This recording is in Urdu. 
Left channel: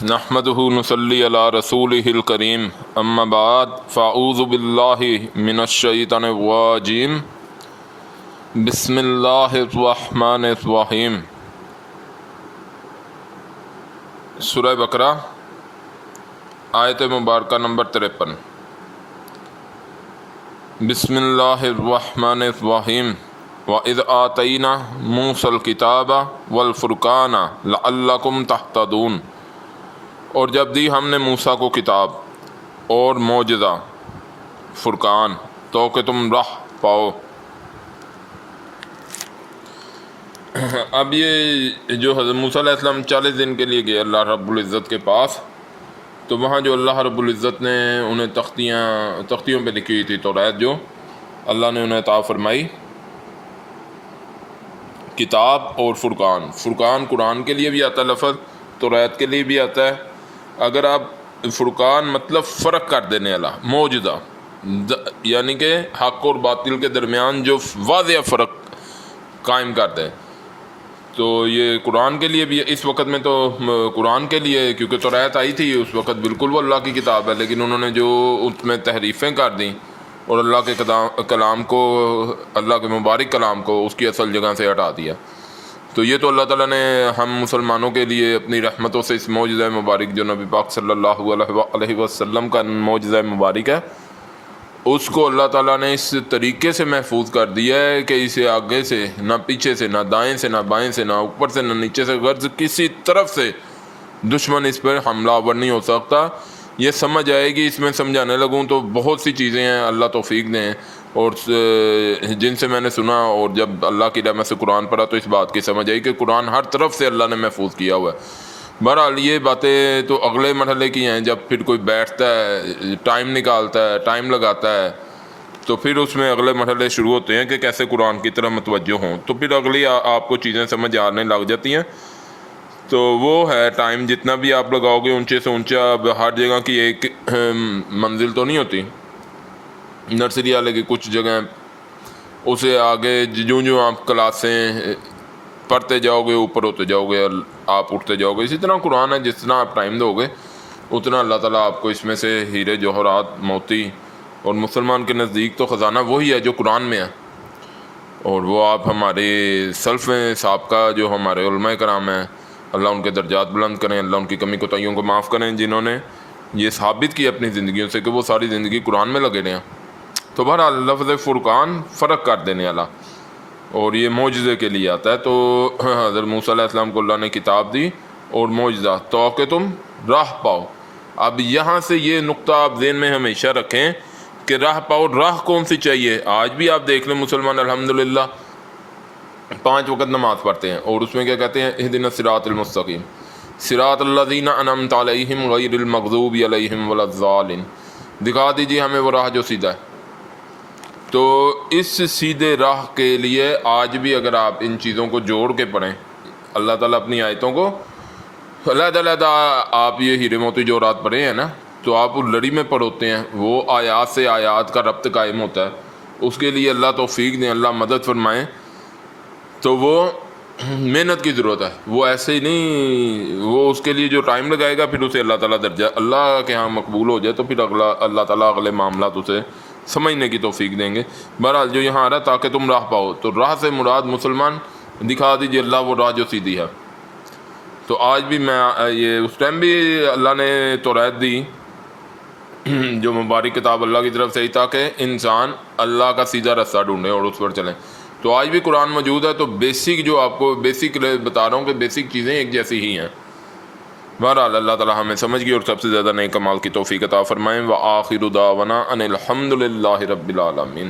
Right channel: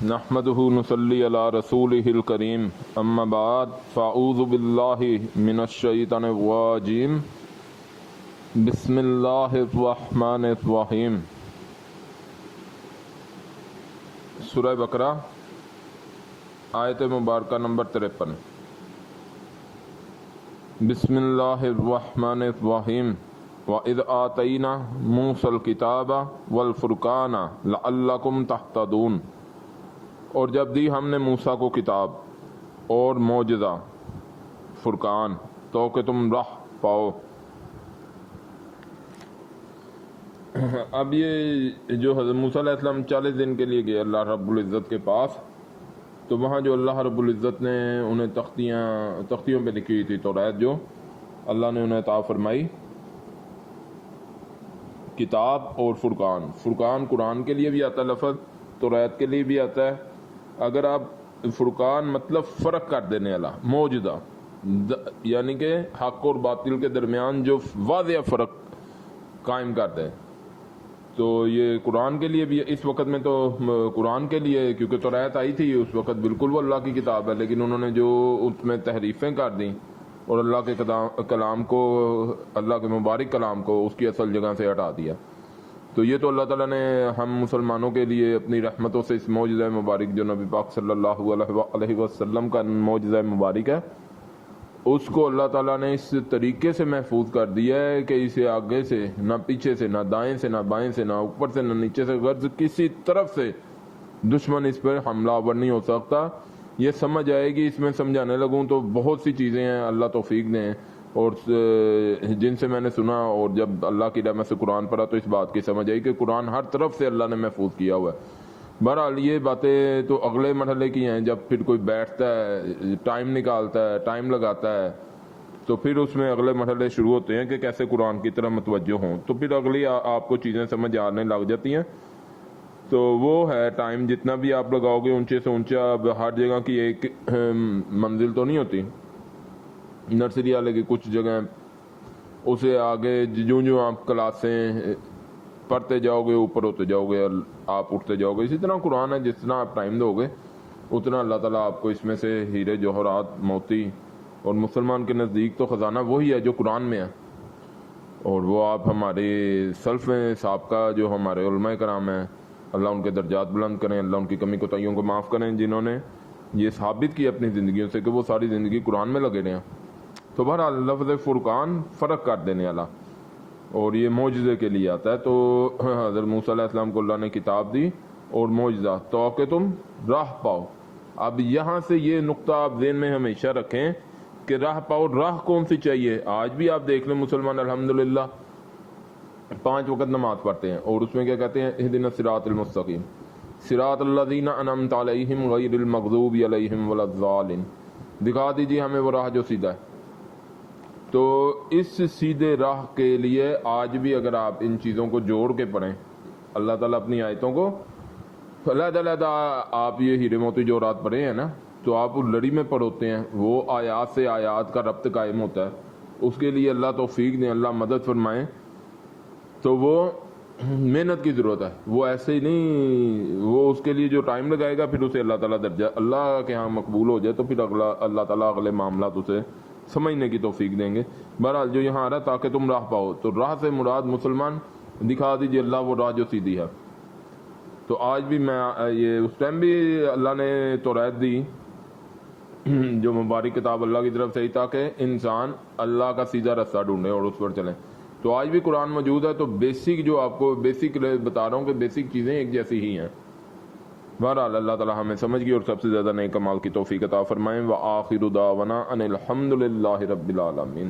نحمدہ نصلی علی رسولہ الکریم اما بعد فاعوذ باللہ من الشیطان الرجیم بسم اللہ الرحمن الرحیم۔ سورہ بقرہ آیت مبارکہ نمبر 53۔ بسم اللہ الرحمن الرحیم وَإِذْ آتَيْنَا مُوسَى الْكِتَابَ وَالْفُرْقَانَ لَعَلَّكُمْ تَهْتَدُونَ، اور جب دی ہم نے موسیٰ کو کتاب اور معجزہ فرقان تو کہ تم راہ پاؤ۔ اب یہ جو حضرت موسیٰ علیہ السلام 40 دن کے لیے گئے اللہ رب العزت کے پاس، تو وہاں جو اللہ رب العزت نے انہیں تختیوں پہ لکھی ہوئی تھی توریت، جو اللہ نے انہیں عطا فرمائی، کتاب اور فرقان۔ فرقان قرآن کے لیے بھی آتا ہے لفظ، توریت کے لیے بھی آتا ہے۔ اگر آپ فرقان مطلب فرق کر دینے والا، معجزہ، یعنی کہ حق اور باطل کے درمیان جو واضح فرق قائم کرتے ہیں، تو یہ قرآن کے لیے بھی اس وقت میں تو قرآن کے لیے، کیونکہ توریت آئی تھی اس وقت، بالکل وہ اللہ کی کتاب ہے، لیکن انہوں نے جو اس میں تحریفیں کر دیں اور اللہ کے کلام کو، اللہ کے مبارک کلام کو اس کی اصل جگہ سے ہٹا دیا۔ تو یہ تو اللہ تعالیٰ نے ہم مسلمانوں کے لیے اپنی رحمتوں سے اس معجزہ مبارک جو نبی پاک صلی اللہ علیہ وسلم کا معجزہ مبارک ہے، اس کو اللہ تعالیٰ نے اس طریقے سے محفوظ کر دیا ہے کہ اسے آگے سے نہ پیچھے سے، نہ دائیں سے، نہ بائیں سے، نہ اوپر سے، نہ نیچے سے، غرض کسی طرف سے دشمن اس پر حملہ آور نہیں ہو سکتا۔ یہ سمجھ آئے گی، اس میں سمجھانے لگوں تو بہت سی چیزیں ہیں، اللہ توفیق دیں، اور جن سے میں نے سنا اور جب اللہ کی رحمت سے قرآن پڑھا تو اس بات کی سمجھ آئی کہ قرآن ہر طرف سے اللہ نے محفوظ کیا ہوا ہے۔ بہرحال یہ باتیں تو اگلے مرحلے کی ہیں، جب پھر کوئی بیٹھتا ہے، ٹائم نکالتا ہے، ٹائم لگاتا ہے، تو پھر اس میں اگلے مرحلے شروع ہوتے ہیں کہ کیسے قرآن کی طرف متوجہ ہوں، تو پھر اگلی آپ کو چیزیں سمجھ آنے لگ جاتی ہیں۔ تو وہ ہے ٹائم جتنا بھی آپ لگاؤ گے اونچے سے اونچا، ہر جگہ کی ایک منزل تو نہیں ہوتی، نرسری والے کی کچھ جگہیں، اسے آگے جو آپ کلاسیں پڑھتے جاؤ گے اوپر ہوتے جاؤ گے، آپ اٹھتے جاؤ گے۔ اسی طرح قرآن ہے، جتنا آپ ٹائم دو گے اتنا اللہ تعالیٰ آپ کو اس میں سے ہیرے جوہرات موتی، اور مسلمان کے نزدیک تو خزانہ وہی ہے جو قرآن میں ہے، اور وہ آپ ہمارے سلف سابقہ جو ہمارے علماء کرام ہیں، اللہ ان کے درجات بلند کریں، اللہ ان کی کمی کوتاہیوں کو معاف کریں، جنہوں نے یہ ثابت کی اپنی زندگیوں سے کہ وہ ساری زندگی قرآن میں لگے رہے ہیں۔ تو بہرحال لفظ فرقان فرق کر دینے والا، اور یہ معجزے کے لیے آتا ہے۔ تو حضرت موسیٰ علیہ السلام کو اللہ نے کتاب دی اور معجزہ تو کہ تم راہ پاؤ۔ اب یہاں سے یہ نقطہ آپ ذہن میں ہمیشہ رکھیں کہ راہ پاؤ، راہ کون سی چاہیے؟ آج بھی آپ دیکھ لیں مسلمان الحمدللہ 5 وقت نماز پڑھتے ہیں، اور اس میں کیا کہتے ہیں؟ اہدنا الصراط المستقیم صراط الذین انعمت علیہم غیر المغضوب علیہم ولا الضالین، دکھا دیجیے ہمیں وہ راہ جو سیدھا ہے۔ تو اس سیدھے راہ کے لیے آج بھی اگر آپ ان چیزوں کو جوڑ کے پڑھیں، اللہ تعالیٰ اپنی آیتوں کو علیحدہ آپ یہ ہیرے موتی جوہرات پڑھے ہیں نا، تو آپ لڑی میں پڑھوتے ہیں، وہ آیات سے آیات کا ربط قائم ہوتا ہے۔ اس کے لیے اللہ توفیق دیں، اللہ مدد فرمائیں۔ تو وہ محنت کی ضرورت ہے، وہ ایسے ہی نہیں، وہ اس کے لیے جو ٹائم لگائے گا پھر اسے اللہ تعالیٰ درجہ اللہ کے ہاں مقبول ہو جائے تو پھر اللہ تعالیٰ اگلے معاملات اسے سمجھنے کی توفیق دیں گے۔ بہرحال جو یہاں آ رہا ہے تاکہ تم راہ پاؤ، تو راہ سے مراد مسلمان دکھا دیجیے اللہ وہ راہ جو سیدھی ہے۔ تو آج بھی میں یہ اس ٹائم بھی اللہ نے توریت دی جو مبارک کتاب اللہ کی طرف سے ہی، تاکہ انسان اللہ کا سیدھا رستہ ڈھونڈے اور اس پر چلیں۔ تو آج بھی قرآن موجود ہے، تو بیسک جو آپ کو بیسک بتا رہا ہوں کہ بیسک چیزیں ایک جیسی ہی ہیں۔ بہرحال اللہ تعالیٰ ہمیں سمجھ گئی اور سب سے زیادہ نئے کمال کی توفیق عطا فرمائیں۔ وآخر دعوانا ان الحمد للہ رب العالمین۔